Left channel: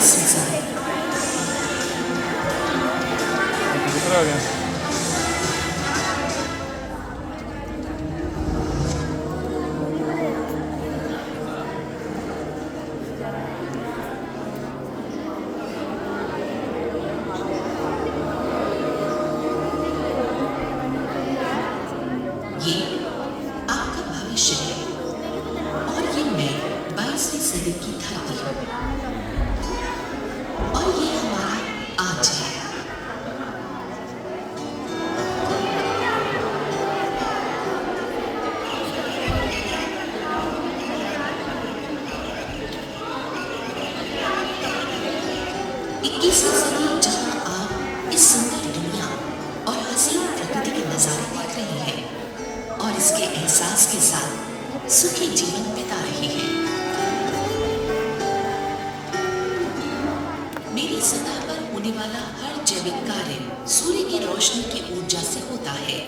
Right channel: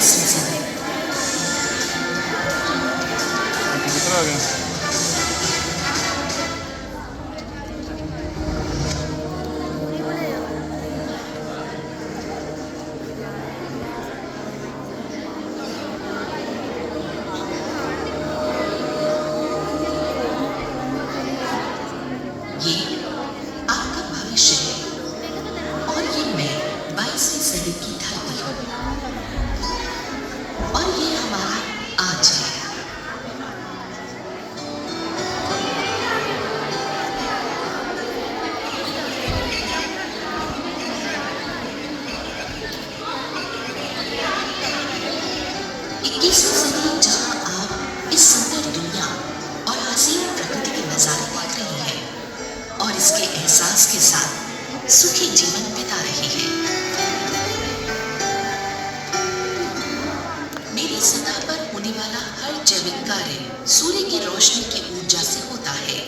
Season. कबूतर आ गया। ये आपका भविष्य है और ये मैं 22वीं सदी की धरती हूँ और ये हमारा आज है। इक्कीसवीं सदी जहाँ आप इस सुंदर दुनिया और हसीन प्रकृति के नजारे देख रहे हैं और इसके एहसास के साथ सुखी जीवन बिता रहे हैं। मेरी सतह पर होने वाला हर जैविक कार्य सूर्य की रोशनी की ऊर्जा से होता है।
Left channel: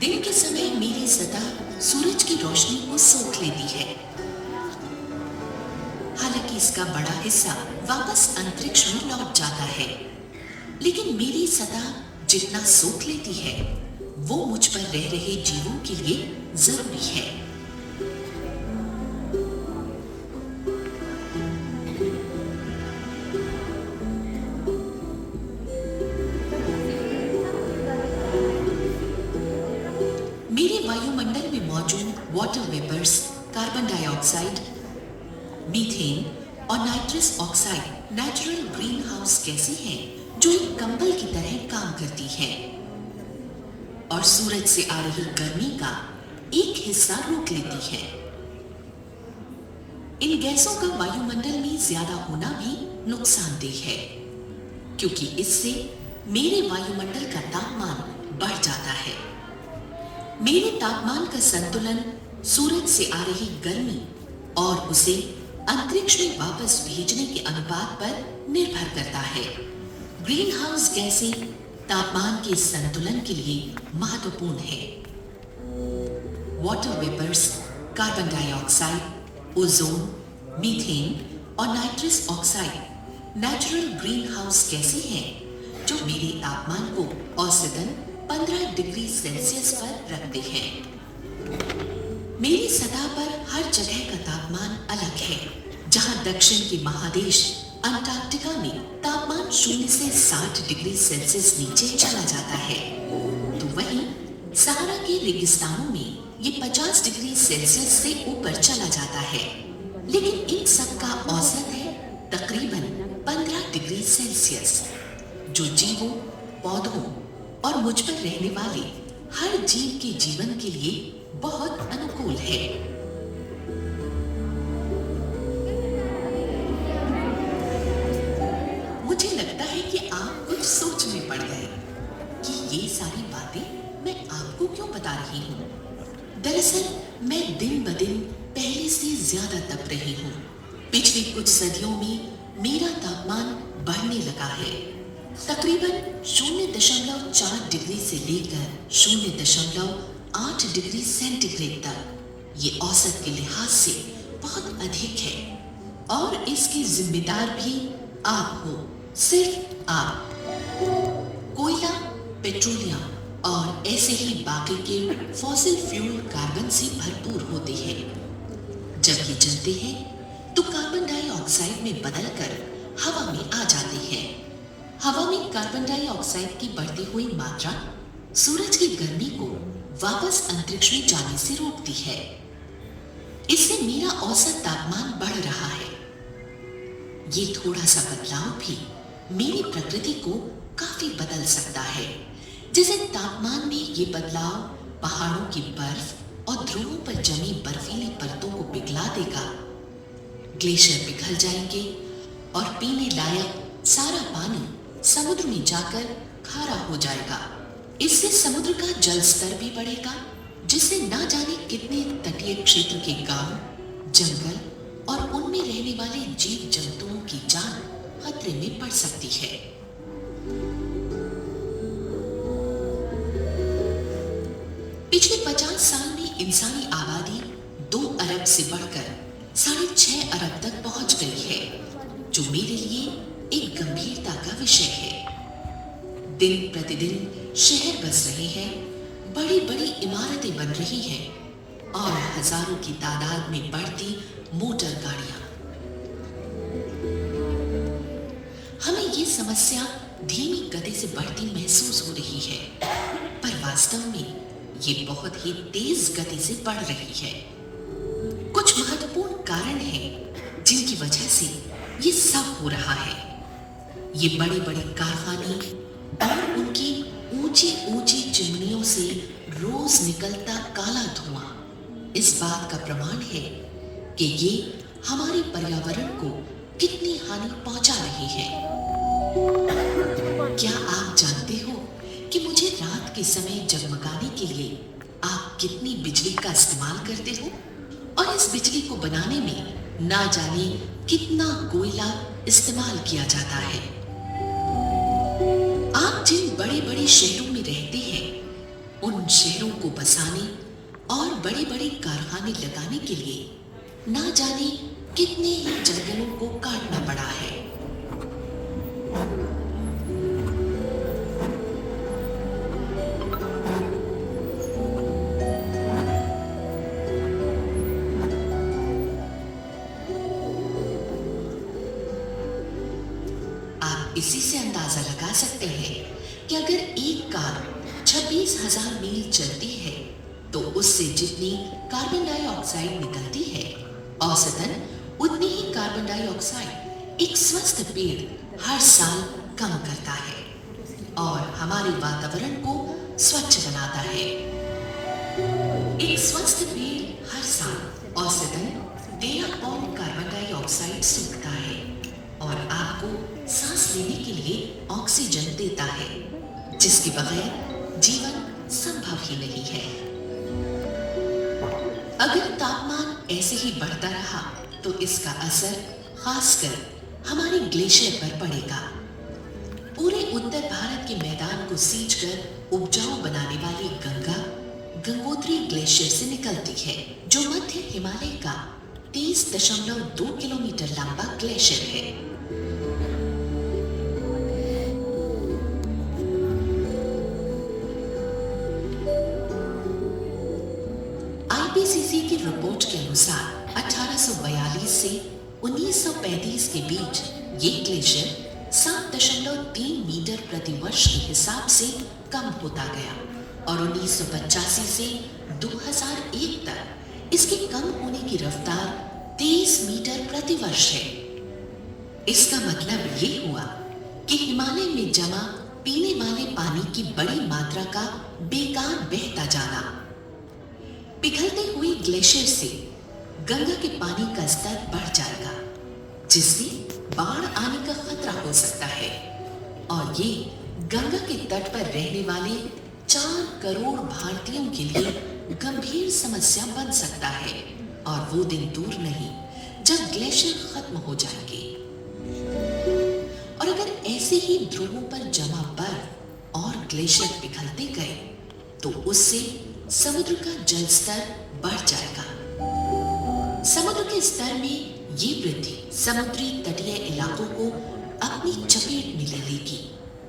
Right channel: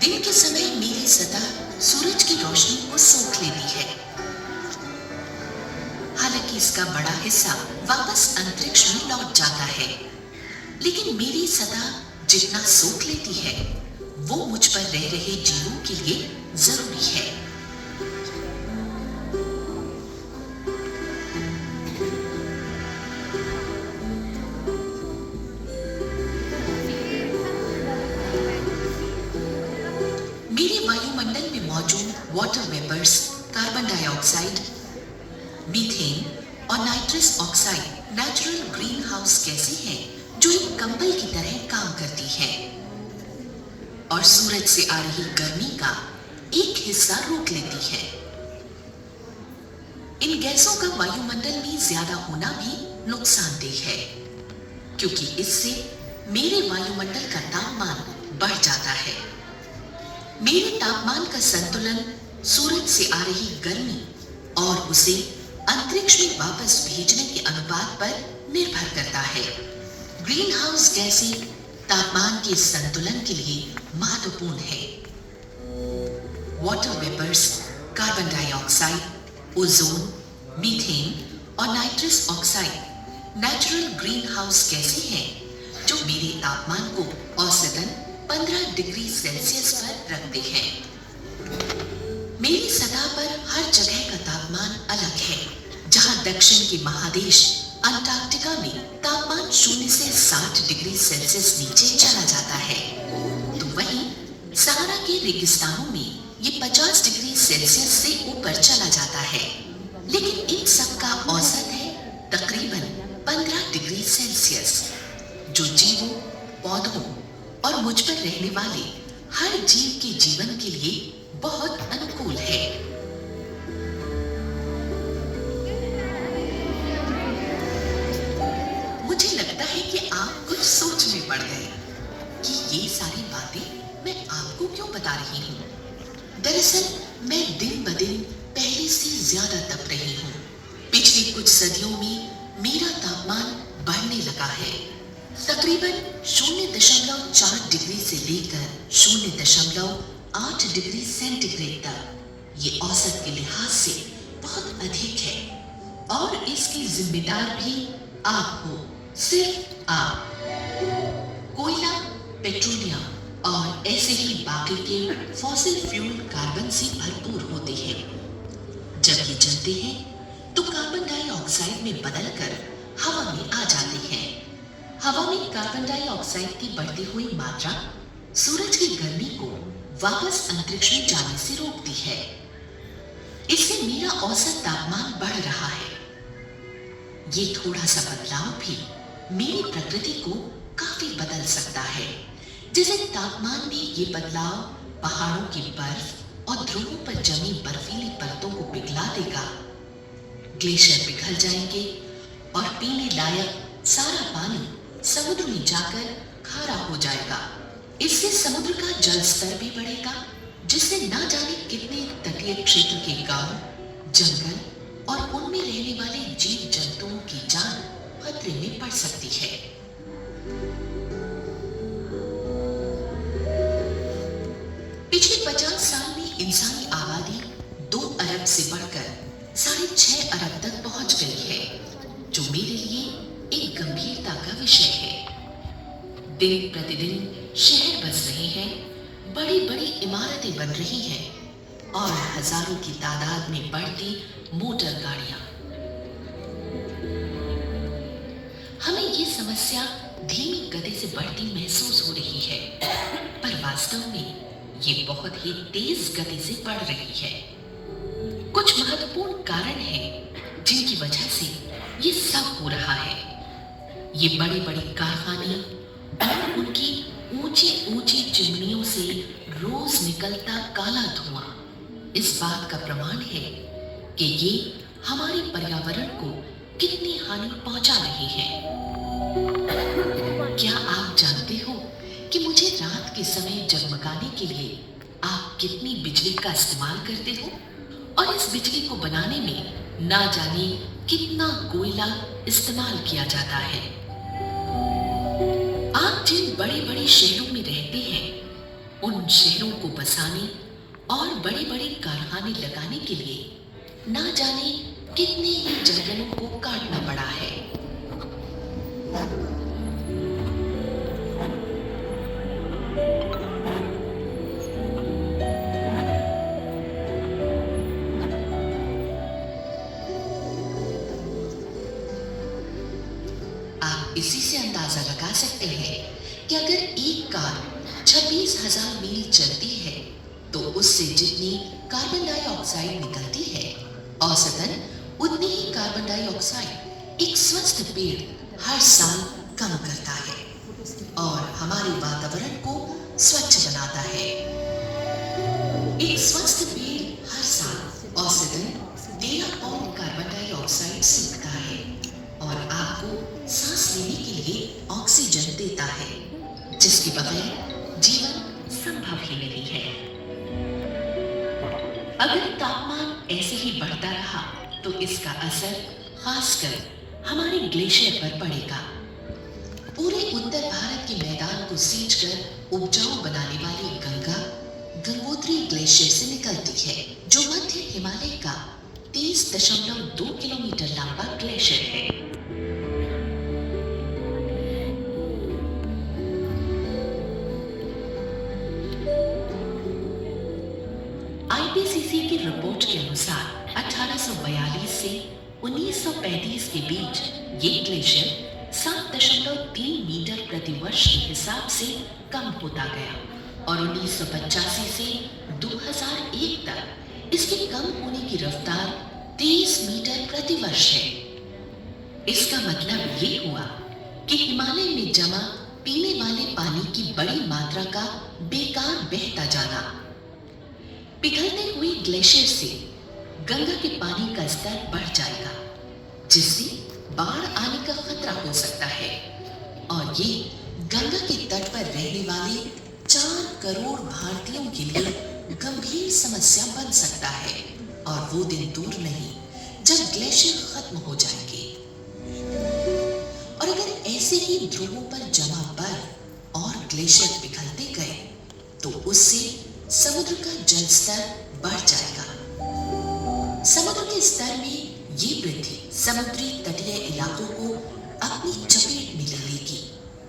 दिन के समय मेरी सतह सूरज की रोशनी को सोख लेती है। हालांकि इसका बड़ा हिस्सा वापस अंतरिक्ष में लौट जाता है, लेकिन मेरी सतह जितना सोख लेती है वो मुझ पर रह रहे जीवों के लिए जरूरी है। मेरे वायुमंडल में मौजूद water vapours, carbon dioxide, methane और nitrous oxide natural green house गैसें हैं जो एक कंबल की तरह काम करती हैं और सूरज से आ रही गर्मी का एक हिस्सा रोक लेती है। इन गैसों का वायुमंडल में ज्यादा होना भी नुकसानदेह है, क्योंकि इससे मेरे वायुमंडल का तापमान बढ़ जाता है। मेरे तापमान का संतुलन सूरज से आ रही गर्मी और उसे अंतरिक्ष में वापस भेजने के अनुपात पर निर्भर करता है। ग्रीन हाउस गैसें तापमान के संतुलन के लिए महत्वपूर्ण है। Water vapours, carbon dioxide, ozone, methane और nitrous oxide natural green house गैसें हैं जो मेरे तापमान को औसतन 15 डिग्री सेल्सियस पर रखते हैं। मेरी सतह पर हर जगह का तापमान अलग है। जहां दक्षिण के महादेश अंटार्कटिका में तापमान 0 से 60 डिग्री सेल्सियस नीचे चला जाता है, तो वहीं सहारा के रेगिस्तानों में ये 50 डिग्री सेल्सियस से ऊपर चला जाता है। लेकिन इन सब का औसत है तकरीबन 15 डिग्री सेल्सियस, जो जीवों, पौधों और मुझ पर रहने वाले हर जीव के जीवन के लिए बहुत अनुकूल है। मुझे लगता है कि आप कुछ सोच में पड़ गए कि ये सारी बातें मैं आपको क्यों बता रही हूँ। दरअसल मैं दिन ब दिन पहले से ज्यादा तप रही हूँ। पिछली कुछ सदियों में मेरा तापमान बढ़ने लगा है। तकरीबन 0.4 डिग्री से लेकर 0.8 डिग्री सेंटीग्रेड तक। ये औसत के लिहाज से बहुत अधिक है और इसकी जिम्मेदार भी आप हो, सिर्फ आप। कोयला, पेट्रोलियम और ऐसे ही बाकी के फॉसिल फ्यूल कार्बन से भरपूर होते हैं। जब ये जलते हैं तो कार्बन डाइऑक्साइड में बदलकर हवा में आ जाते हैं। हवा में कार्बन डाइऑक्साइड की बढ़ती हुई मात्रा सूरज की गर्मी को वापस अंतरिक्ष में जाने से रोकती है। इससे मेरा औसत तापमान बढ़ रहा है। ये थोड़ा सा बदलाव भी मेरी प्रकृति को काफी बदल सकता है। जैसे तापमान में ये बदलाव पहाड़ों की बर्फ और ध्रुवों पर जमी बर्फीली परतों को पिघला देगा। ग्लेशियर पिघल जाएंगे और पीने लायक सारा पानी समुद्र में जाकर खारा हो जाएगा। इससे समुद्र का जल स्तर भी बढ़ेगा, जिससे ना जाने कितने तटीय क्षेत्र के गांव, जंगल और उनमें रहने वाले जीव जंतुओं की जान खतरे में पड़ सकती है। पिछले 50 साल में इंसानी आबादी 2 अरब से बढ़कर 6.5 अरब तक पहुंच गई है, जो मेरे लिए एक गंभीरता का विषय है। दिन प्रतिदिन शहर बस रहे हैं, बड़ी बड़ी इमारतें बन रही हैं और हजारों की तादाद में बढ़ती मोटर गाड़ियां। हमें ये समस्या धीमी गति से बढ़ती महसूस हो रही है, पर वास्तव में ये बहुत ही तेज गति से बढ़ रही है। कुछ महत्वपूर्ण कारण हैं जिनकी वजह से ये सब हो रहा है। ये बड़े बड़े कारखाने और उनकी ऊंची ऊंची चिमनियों से रोज निकलता काला धुआं इस बात का प्रमाण है कि ये हमारे पर्यावरण को कितनी हानि पहुंचा रहे हैं। क्या आप जानते हो कि मुझे रात के समय जगमगाने के लिए आप कितनी बिजली का इस्तेमाल करते हो, और इस बिजली को बनाने में ना जाने कितना कोयला इस्तेमाल किया जाता है। आप जिन बड़े बड़े शहरों में रहते हैं, उन शहरों को बसाने और बड़े बड़े कारखाने लगाने के लिए ना जाने कितने ही जंगलों को काटना पड़ा है। आप इसी से अंदाजा लगा सकते हैं कि अगर एक कार 26,000 मील चलती है तो उससे जितनी कार्बन डाइऑक्साइड निकलती है, औसतन उतनी ही कार्बन डाइऑक्साइड एक स्वस्थ पेड़ हर साल कम करता है और हमारे वातावरण को स्वच्छ बनाता है। एक स्वस्थ पेड़ हर साल औसतन 13 पाउंड कार्बन डाइऑक्साइड सूखता है और आपको सांस लेने के लिए ऑक्सीजन देता है, जिसके बगैर जीवन संभव ही नहीं है। अगर तापमान ऐसे ही बढ़ता रहा तो इसका असर खासकर हमारे ग्लेशियर पर पड़ेगा। पूरे उत्तर भारत के मैदान को सींचकर उपजाऊ बनाने वाली गंगा गंगोत्री ग्लेशियर से निकलती है, जो मध्य हिमालय का 30.2 किलोमीटर लंबा ग्लेशियर है। आईपीसीसी की रिपोर्ट के अनुसार 1842 से 1935 के बीच ये ग्लेशियर 7.3 मीटर प्रति वर्ष के हिसाब से कम होता गया और 1985 से 2001 तक इसके कम होने की रफ्तार 23 मीटर प्रति वर्ष है। इसका मतलब ये हुआ कि हिमालय में जमा पीने वाले पानी की बड़ी मात्रा का बेकार बहता जाना। पिघलते हुए ग्लेशियर से गंगा के पानी का स्तर बढ़ जाएगा, जिससे बाढ़ आने का खतरा हो सकता है और ये गंगा के तट पर रहने वाले 4 करोड़ भारतीयों के लिए गंभीर समस्या बन सकता है। और वो दिन दूर नहीं जब ग्लेशियर खत्म हो जाएंगे। और अगर ऐसे ही ध्रुवों पर जमा बर्फ और ग्लेशियर पिघलते गए तो उससे समुद्र का जल स्तर बढ़ जाएगा। समुद्र के स्तर में ये वृद्धि समुद्री तटीय इलाकों को अपनी चपेट में ले लेगी,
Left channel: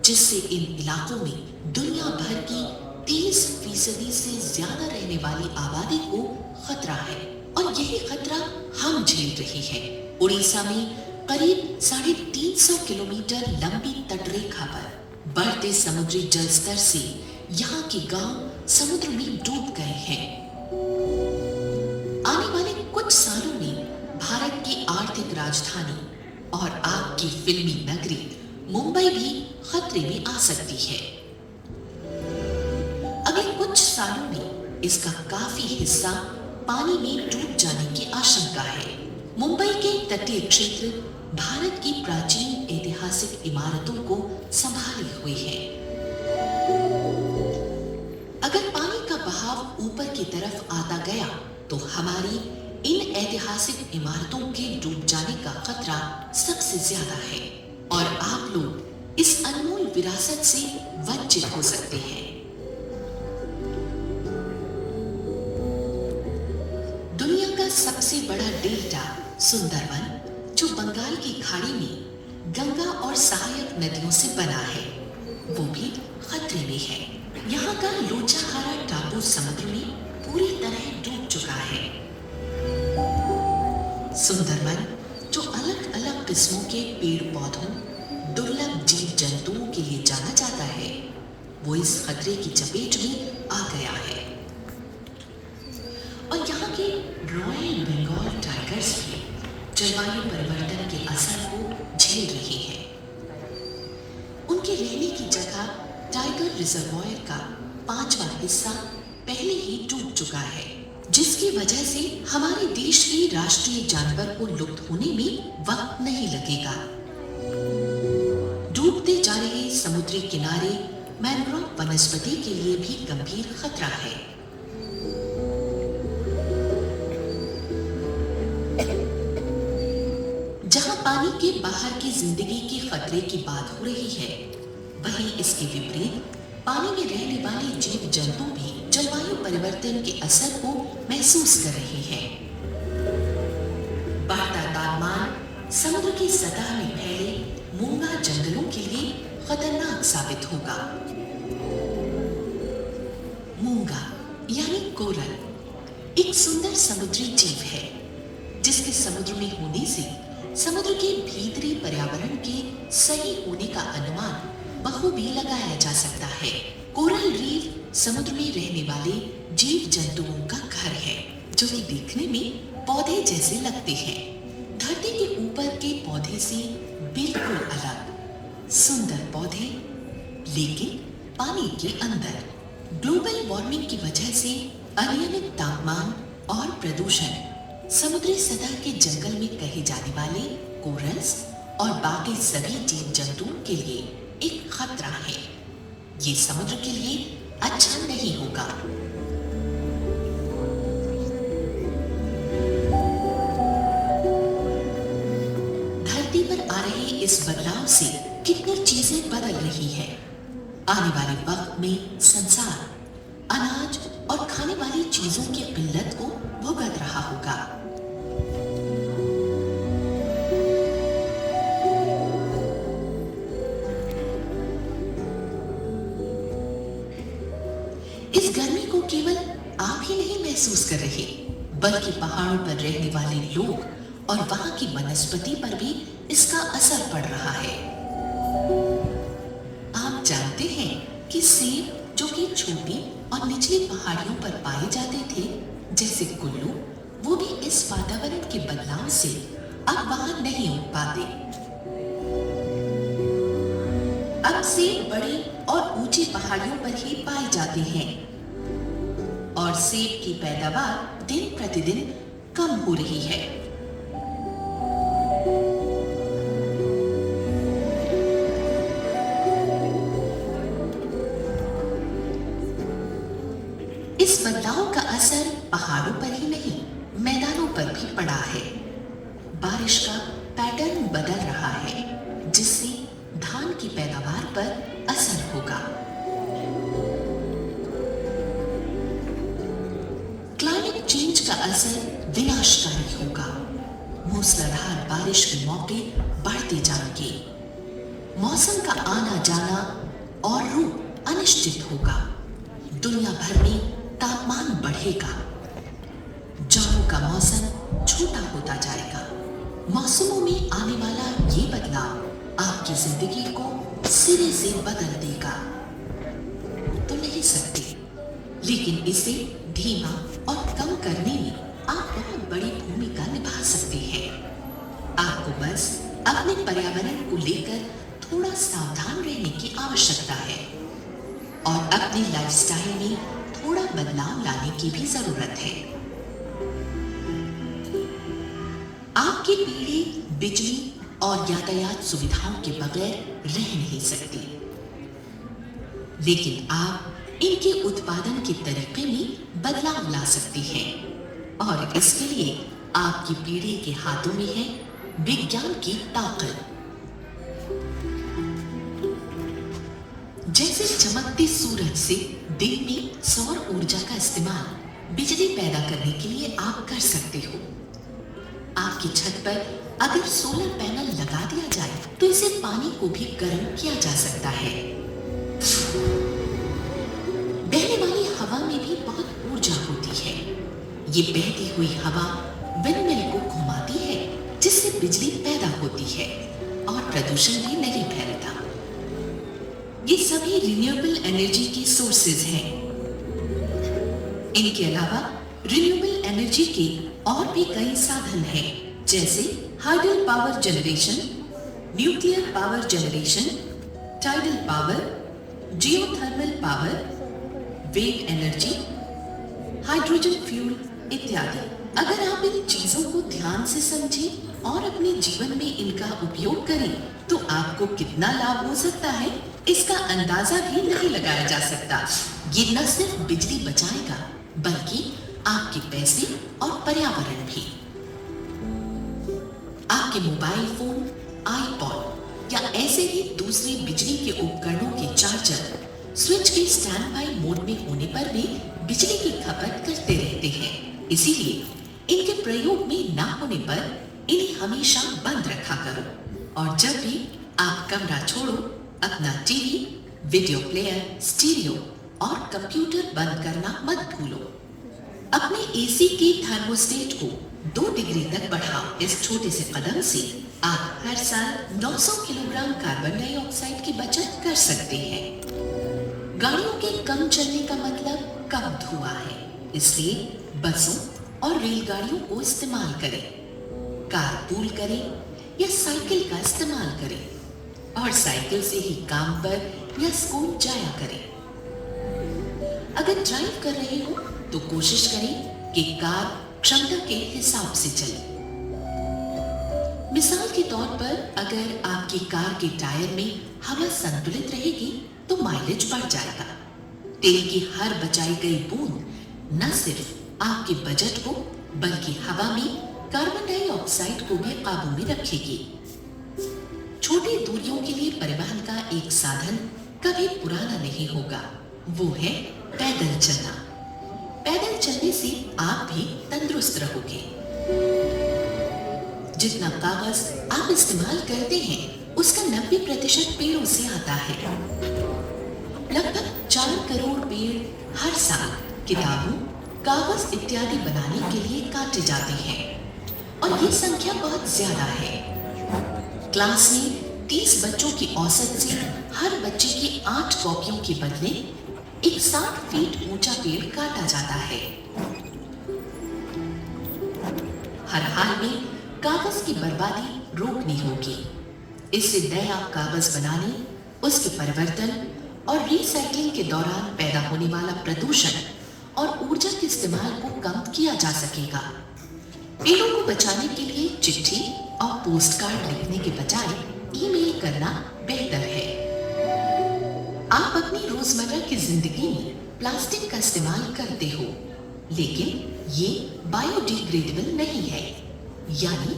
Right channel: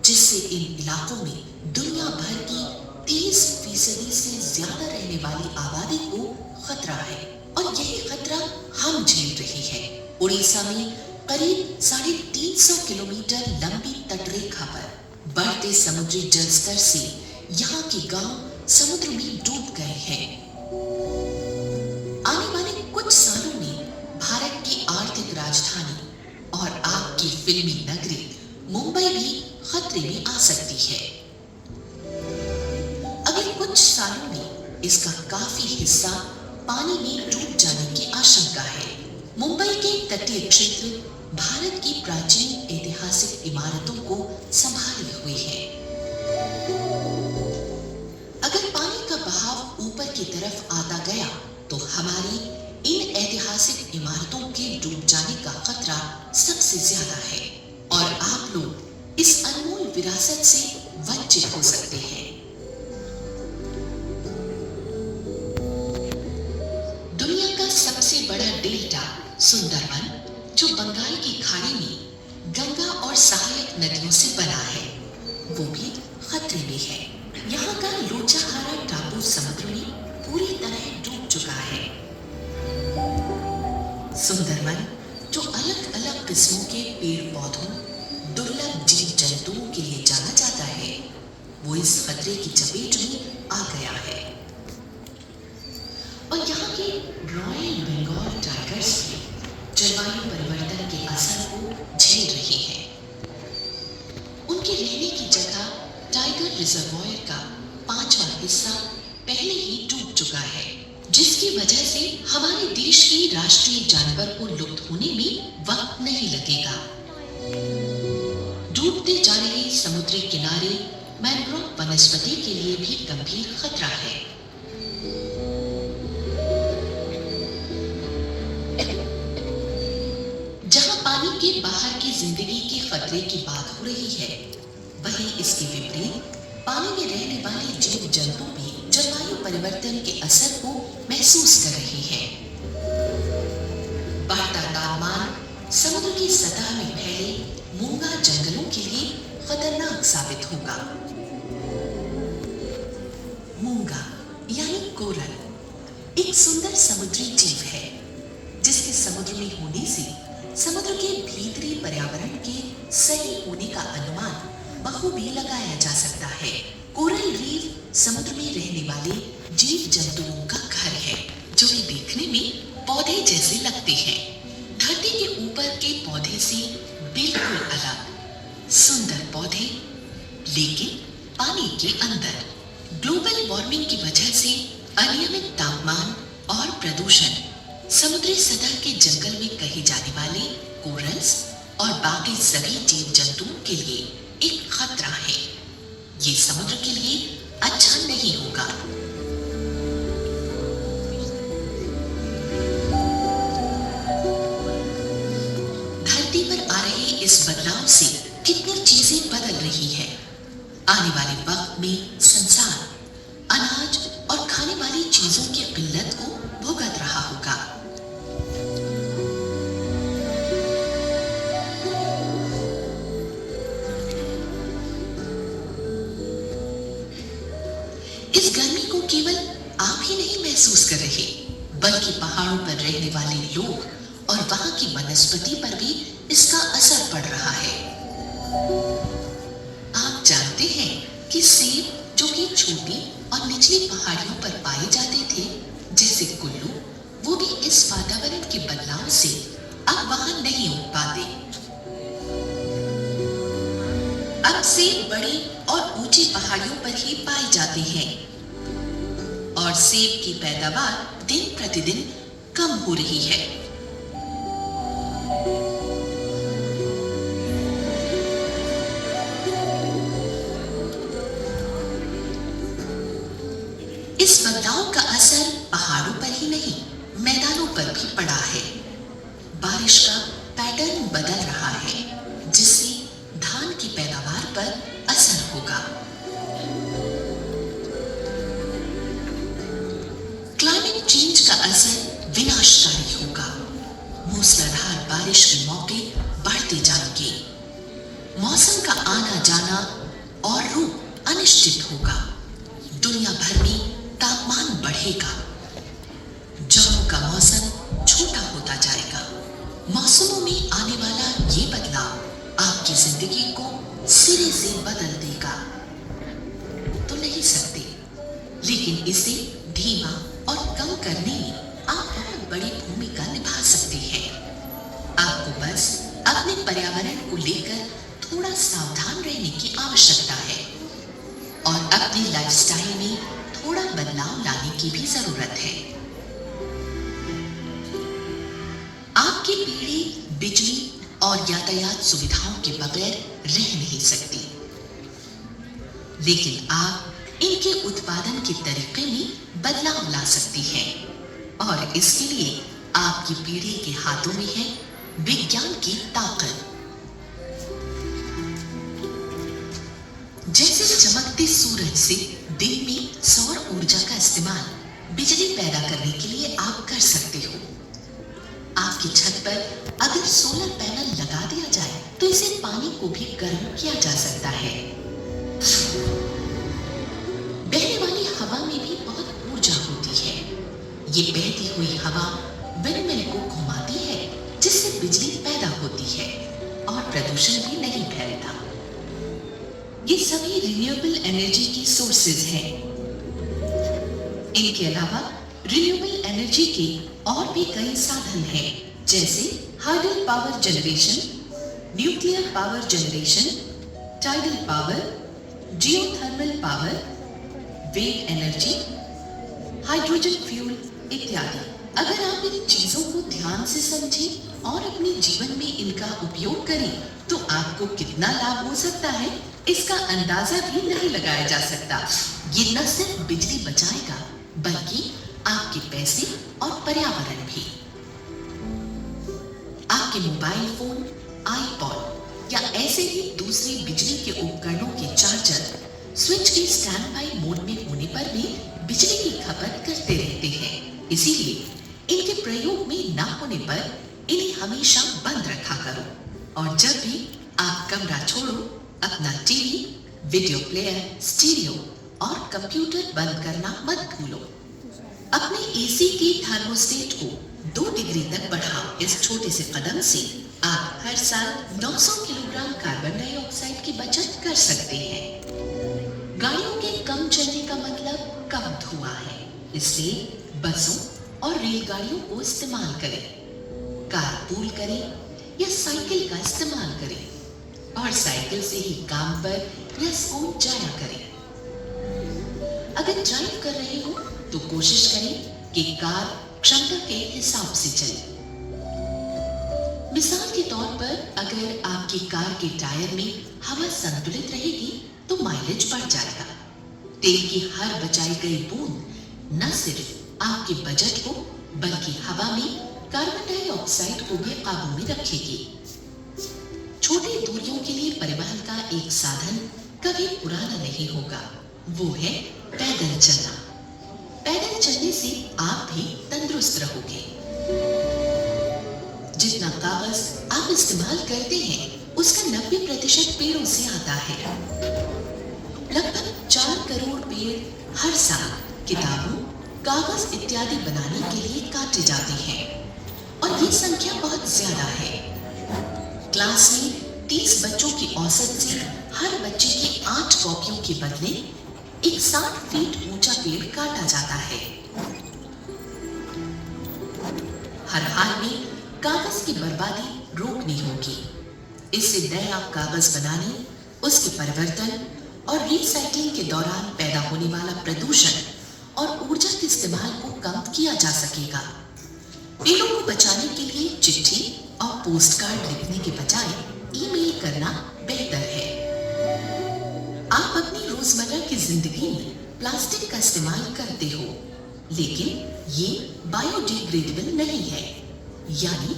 जिससे इन इलाकों में दुनिया भर की 30% से ज्यादा रहने वाली आबादी को खतरा है और यही खतरा हम झेल रहे हैं। उड़ीसा में करीब 350 किलोमीटर लंबी तटरेखा पर बढ़ते समुद्री जल स्तर से यहाँ के गांव समुद्र में डूब गए हैं। आने वाले कुछ सालों में भारत की आर्थिक राजधानी और आपकी फिल्मी नगरी मुंबई भी खतरे में आ सकती है। अगले कुछ सालों में इसका काफी हिस्सा पानी में डूब जाने की आशंका है। मुंबई के तटीय क्षेत्र भारत की प्राचीन ऐतिहासिक इमारतों को संभाले हुए है। अगर पानी का बहाव ऊपर की तरफ आता गया तो हमारी इन ऐतिहासिक इमारतों के डूब जाने का खतरा सबसे ज्यादा है और आप लोग इस अनमोल विरासत से वंचित हो सकते हैं। दुनिया का सबसे बड़ा डेल्टा सुंदरवन, जो बंगाल की खाड़ी में गंगा और सहायक नदियों से बना है, वो भी खतरे में है। यहाँ का लोचाहारा टापू समुद्र में पूरी तरह डूब चुका है। सुंदरवन, जो अलग अलग किस्मों के पेड़ पौधों, दुर्लभ जीव जंतुओं के लिए जाना जाता है, वो इस खतरे की चपेट में आ गया है। और यहाँ के रॉयल बंगाल टाइगर्स भी जलवायु परिवर्तन के असर को झेल रही है। उनके रहने की जगह टाइगर रिजर्वॉयर का 5वां हिस्सा पहले ही डूब चुका है, जिसकी वजह से हमारे देश के राष्ट्रीय जानवर को लुप्त होने में वक्त नहीं लगेगा। डूबते जा रहे समुद्री किनारे मैंग्रोव वनस्पति के लिए भी गंभीर खतरा है। जहां पानी के बाहर की जिंदगी के खतरे की बात हो रही है, वहीं इसके विपरीत पानी में रहने वाले जीव जंतु भी जलवायु परिवर्तन के असर को महसूस कर रहे हैं। बढ़ता तापमान समुद्र की सतह में फैले मूंगा जंगलों के लिए खतरनाक साबित होगा। मूंगा यानी कोरल एक सुंदर समुद्री जीव है, जिसके समुद्र में होने से समुद्र के भीतरी पर्यावरण के सही होने का अनुमान बखूबी लगाया जा सकता है। कोरल रीफ समुद्र में रहने वाले जीव जंतुओं का घर है, जो वे देखने में पौधे जैसे लगते हैं। धरती के ऊपर के पौधे से बिल्कुल अलग सुंदर पौधे, लेकिन पानी के अंदर। ग्लोबल वार्मिंग की वजह से अनियमित तापमान और प्रदूषण समुद्री सतह के जंगल में कहे जाने वाले कोरल्स और बाकी सभी जीव जंतुओं के लिए एक खतरा है। ये समुद्र के लिए अच्छा नहीं होगा। धरती पर आ रहे इस बदलाव से कितनी चीजें बदल रही है। आने वाले वक्त में संसार अनाज और खाने वाली चीजों की किल्लत को भुगत रहा होगा। इस गर्मी को केवल आप ही नहीं महसूस कर रहे, बल्कि पहाड़ों पर रहने वाले लोग और वहां की वनस्पति पर भी इसका असर पड़ रहा है। आप जानते हैं कि सेब, जो कि छोटी और निचली पहाड़ियों पर पाए जाते थे, जैसे कुल्लू, वो भी इस वातावरण के बदलाव से अब वहां नहीं उग पाते। अब सेब बड़ी और ऊंची पहाड़ियों पर ही पाए जाते हैं और सेब की पैदावार दिन प्रतिदिन कम हो रही है। इस बदलाव का असर पहाड़ों पर ही नहीं, मैदानों पर भी पड़ा है। बारिश का पैटर्न बदल रहा है, जिससे धान की पैदावार पर असर होगा। क्लाइमेट चेंज का असर विनाशकारी होगा। मूसलाधार बारिश के मौके बढ़ते जाएंगे। मौसम का आना जाना और रूप अनिश्चित होगा। दुनिया भर में तापमान बढ़ेगा। जाड़ों का मौसम छोटा होता जाएगा। मौसमों में आने वाला ये बदलाव आपकी जिंदगी को सिरे से बदल देगा तो नहीं सकते, लेकिन इसे धीमा और कम करने में आप बहुत बड़ी भूमिका निभा सकते हैं। आपको बस अपने पर्यावरण को लेकर थोड़ा सावधान रहने की आवश्यकता है और अपनी लाइफस्टाइल में थोड़ा बदलाव लाने की भी जरूरत है। आपकी पीढ़ी बिजली और यातायात सुविधाओं के बगैर रह नहीं सकती, लेकिन आप इनके उत्पादन के तरीके में बदलाव ला सकती हैं और इसके लिए आपकी पीढ़ी के हाथों में है विज्ञान की ताकत। जैसे चमकते सूरज से दिन में सौर ऊर्जा का इस्तेमाल बिजली पैदा करने के लिए आप कर सकते हो। आपकी छत पर अगर सोलर पैनल लगा दिया जाए तो इसे पानी को भी गर्म किया जा सकता है। बहने वाली हवा में भी बहुत ऊर्जा होती है। ये बहती हुई हवा विंडमिल को घुमाती है, जिससे बिजली पैदा होती है और प्रदूषण भी नहीं फैलता। ये सभी रिन्यूएबल एनर्जी की सोर्सेज हैं। इनके अलावा रिन्यूएबल एनर्जी के और भी कई साधन हैं, जैसे hydel power generation, nuclear power generation, tidal power, geothermal power, wave energy, hydrogen fuel इत्यादि। अगर आप इन चीजों को ध्यान से समझें और अपने जीवन में इनका उपयोग करें, तो आपको कितना लाभ हो सकता है, इसका अंदाजा भी नहीं लगाया जा सकता। ये न सिर्फ बिजली बचाएगा, बल्कि आपके पैसे और पर्यावरण भी। आपके मोबाइल फोन, आईपॉड या ऐसे ही दूसरे बिजली के उपकरणों के चार्जर स्विच के स्टैंड बाय मोड में होने पर भी बिजली की खपत करते रहते हैं। इसीलिए इनके प्रयोग में ना होने पर इन्हें हमेशा बंद रखा करो, और जब भी आप कमरा छोड़ो, अपना टीवी, वीडियो प्लेयर, स्टीरियो और कंप्यूटर बंद करना मत भूलो। अपने एसी के थर्मोस्टेट को 2 डिग्री तक बढ़ाओ। इस छोटे से कदम से आप हर साल 900 किलोग्राम कार्बन डाइऑक्साइड की बचत कर सकते हैं। गाड़ियों के कम चलने का मतलब कम धुआं है, इसलिए बसों और रेलगाड़ियों को इस्तेमाल करें, कारपूल करें या साइकिल का इस्तेमाल करें और साइकिल से ही काम पर या स्कूल जाया करें। अगर ड्राइव कर रहे हो तो कोशिश करें कि कार क्षमता के हिसाब से चले। मिसाल के तौर पर अगर आपकी कार के टायर में हवा संतुलित रहेगी तो माइलेज बढ़ जाएगा। तेल की हर बचाई गई बूंद न सिर्फ आपके बजट को, बल्कि हवा में कार्बन डाइऑक्साइड को भी काबू में रखेगी। छोटी दूरियों के लिए परिवहन का एक साधन कभी पुराना नहीं होगा, वो है पैदल चलना। पैदल चलने से आप भी तंदुरुस्त रहोगे। जितना कागज आप इस्तेमाल करते हैं, उसका 90% पेड़ों से आता है। लगभग 4 करोड़ पेड़ हर साल किताबों, कागज इत्यादि बनाने के लिए काटे जाते हैं, और ये संख्या बहुत ज्यादा है। क्लास में 30 बच्चों की औसत से हर बच्चे की 8 कॉपियों के बदले एक 60 फीट ऊंचा पेड़ काटा जाता है। हर हाल में कागज की बर्बादी रोकनी होगी। इससे नया कागज बनाने, उसके परिवर्तन और रिसाइक्लिंग के दौरान पैदा होने वाला प्रदूषण और ऊर्जा के इस्तेमाल को कम किया जा सकेगा। पेड़ों को बचाने के लिए चिट्ठी और पोस्ट कार्ड लिखने के बजाय ईमेल करना बेहतर है। आप अपनी रोजमर्रा की जिंदगी में प्लास्टिक का इस्तेमाल करते हो, लेकिन ये बायोडिग्रेडेबल नहीं है, यानी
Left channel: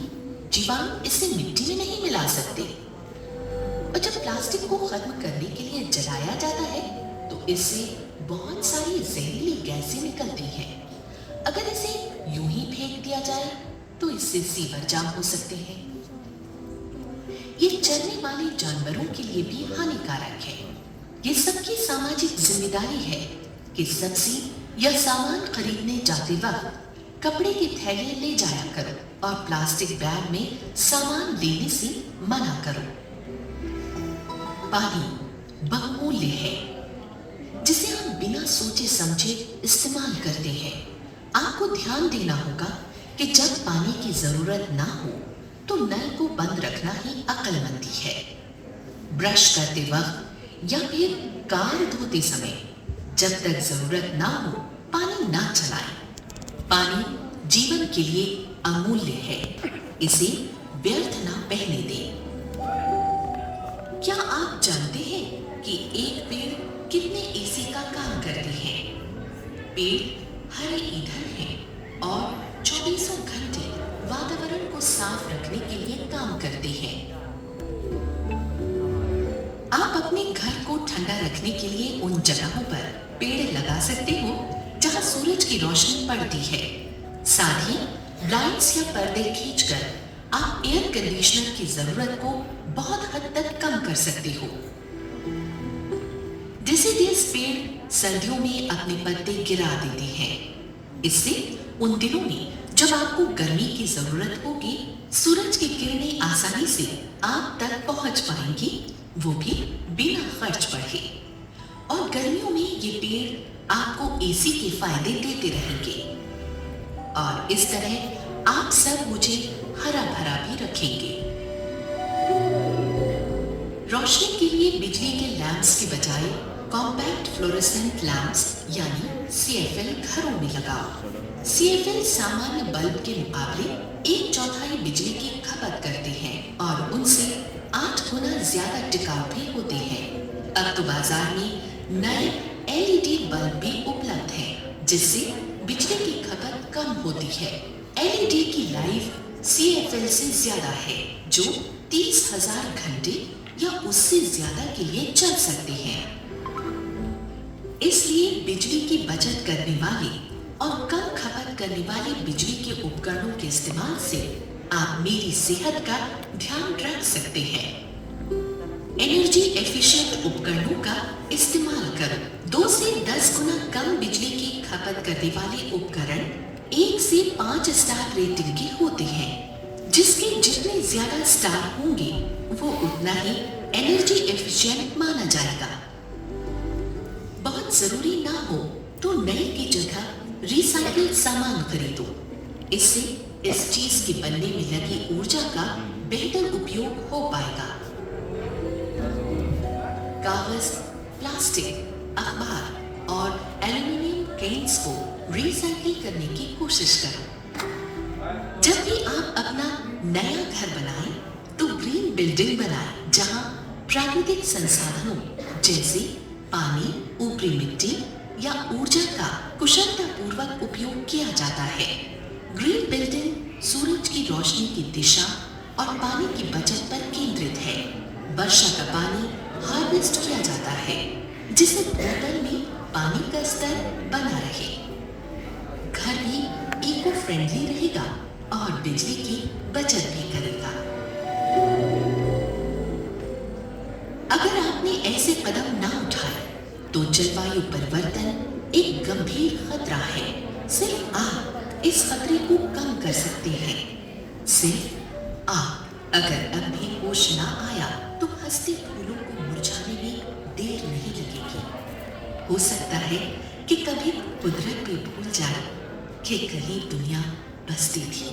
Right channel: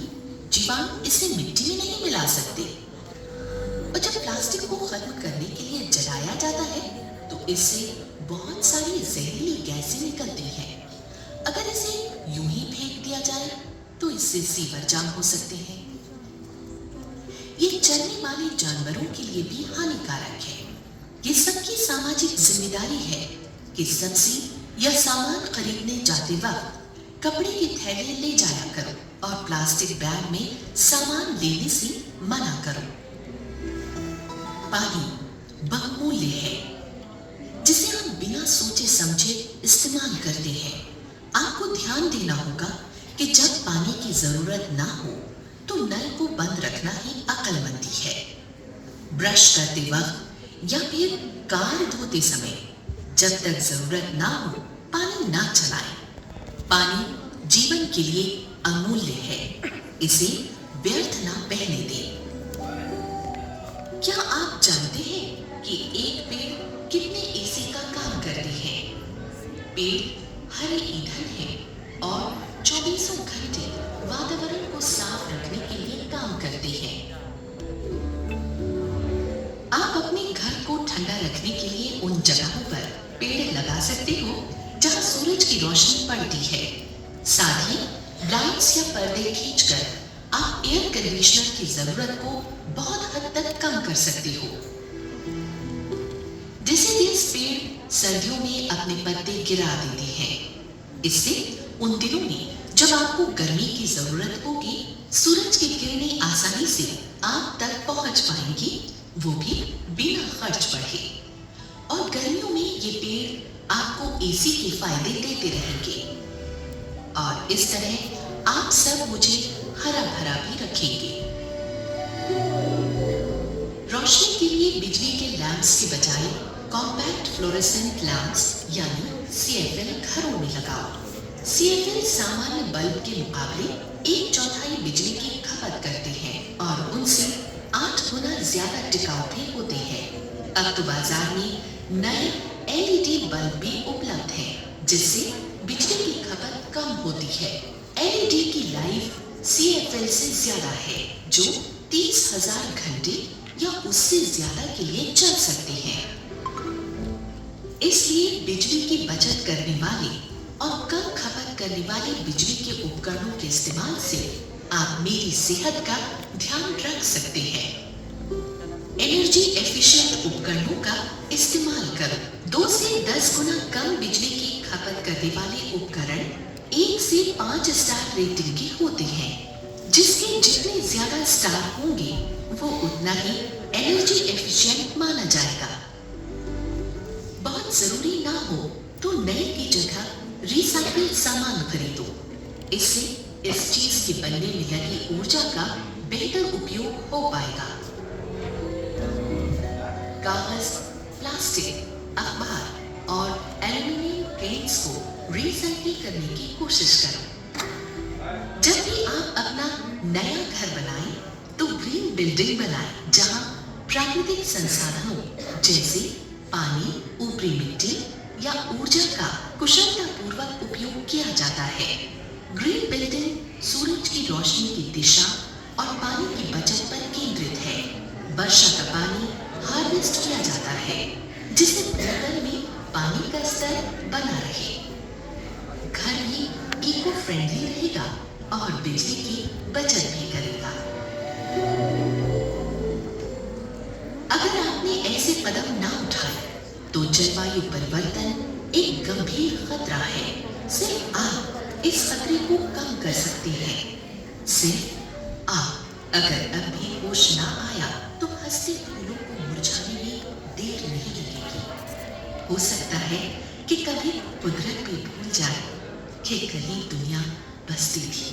जीवाणु इसे मिट्टी में नहीं मिला सकते। और जब प्लास्टिक को खत्म करने के लिए जलाया जाता है, तो इससे बहुत सारी जहरीली गैसें निकलती हैं। अगर इसे यूं ही फेंक दिया जाए, तो इससे सीवर जाम हो सकते हैं। ये चलने वाले जानवरों के लिए भी हानिकारक है। ये सबकी सामाजिक जिम्मेदारी है कि सब्जी या सामान खरीदने जाते वक्त कपड़े के थैले ले जाया करो और प्लास्टिक बैग में सामान लेने से मना करो। पानी बहुमूल्य है, जिसे हम बिना सोचे समझे इस्तेमाल करते हैं। आपको ध्यान देना होगा कि जब पानी की जरूरत ना हो तो नल को बंद रखना ही अक्लमंदी है। ब्रश करते वक्त या फिर कार धोते समय जब तक जरूरत ना हो पानी ना चलाएं। पानी जीवन के लिए अमूल्य है, इसे व्यर्थ ना बहने दें। क्या आप जानते हैं कि एक पेड़ कितने एसी का काम करते हैं? पेड़ हरे ईंधन है और 24 घंटे वातावरण को साफ रखने के लिए काम करते हैं। आप अपने घर को ठंडा रखने के लिए उन जगहों पर पेड़ लगा सकते हो जहां सूरज की रोशनी पड़ती है। साथ ही लाइट्स या पर्दे खींचकर आप एयर कंडीशनर की जरूरत को बहुत हद तक कम कर सकते हो। डेसिडियस पेड़ सर्दियों में अपने पत्ते गिरा देते हैं। इससे उन दिनों में जब आपको गर्मी की जरूरत होगी, सूरज की किरणें आसानी से आप तक पहुंच पाएंगी, वो भी बिना खर्च बढ़े। और गर्मियों में ये पेड़ आपको एसी के फायदे देते रहेंगे और इस तरह आप सब मुझे हरा भरा भी रखेंगे। रोशनी के लिए बिजली के लैंप्स के बजाय कॉम्पैक्ट फ्लोरेसेंट लैंप्स यानी CFL घरों में लगाओ। CFL सामान्य बल्ब के मुकाबले 1/4 बिजली की खपत करते हैं और उनसे 8 गुना ज्यादा टिकाऊ भी होते हैं। अब तो बाजार में नए LED बल्ब भी उपलब्ध हैं, जिससे बिजली की खपत कम होती है। LED की लाइफ CFL से ज्यादा है, जो 30,000 घंटे या उससे ज्यादा के लिए चल सकते हैं। इसलिए बिजली की बचत करने वाले और कम खपत करने वाले बिजली के उपकरणों के इस्तेमाल से आप मेरी सेहत का ध्यान रख सकते हैं। एनर्जी एफिशिएंट उपकरणों का इस्तेमाल करो। 2 से 10 गुना कम बिजली की खपत करने वाले उपकरण 1 से 5 स्टार रेटिंग के होते हैं। जिसके जितने ज्यादा स्टार होंगे वो उतना ही एनर्जी एफिशिएंट माना जाएगा। बहुत जरूरी ना हो तो नए की जगह रिसाइकिल सामान खरीदो। इससे इस चीज के बनने में लगी ऊर्जा का बेहतर उपयोग हो पाएगा। कागज, प्लास्टिक, अखबार और एल्युमिनियम केन्स को रिसाइकिल करने की कोशिश करो। जब भी आप अपना नया घर बनाएं तो ग्रीन बिल्डिंग बनाएं, जहां प्राकृतिक संसाधनों जैसे पानी, ऊपरी मिट्टी या ऊर्जा का कुशलतापूर्वक उपयोग किया जाता है। ग्रीन बिल्डिंग सूरज की रोशनी की दिशा और पानी की बचत पर केंद्रित है। वर्षा का पानी हार्वेस्ट किया जाता है, जिससे भूतल में पानी का स्तर बना रहे। घर भी इको फ्रेंडली रहेगा और बिजली की बचत भी करेगा। अगर आपने ऐसे कदम ना उठाए तो जलवायु परिवर्तन एक गंभीर खतरा है। सिर्फ आप इस खतरे को कम कर सकते हैं। सिर्फ आप। अगर अब भी होश ना आया तो हंसते फूलों को मुरझाने में देर नहीं लगेगी। हो सकता है कि कभी कुदरत भी भूल जाए कि कहीं दुनिया बसती थी।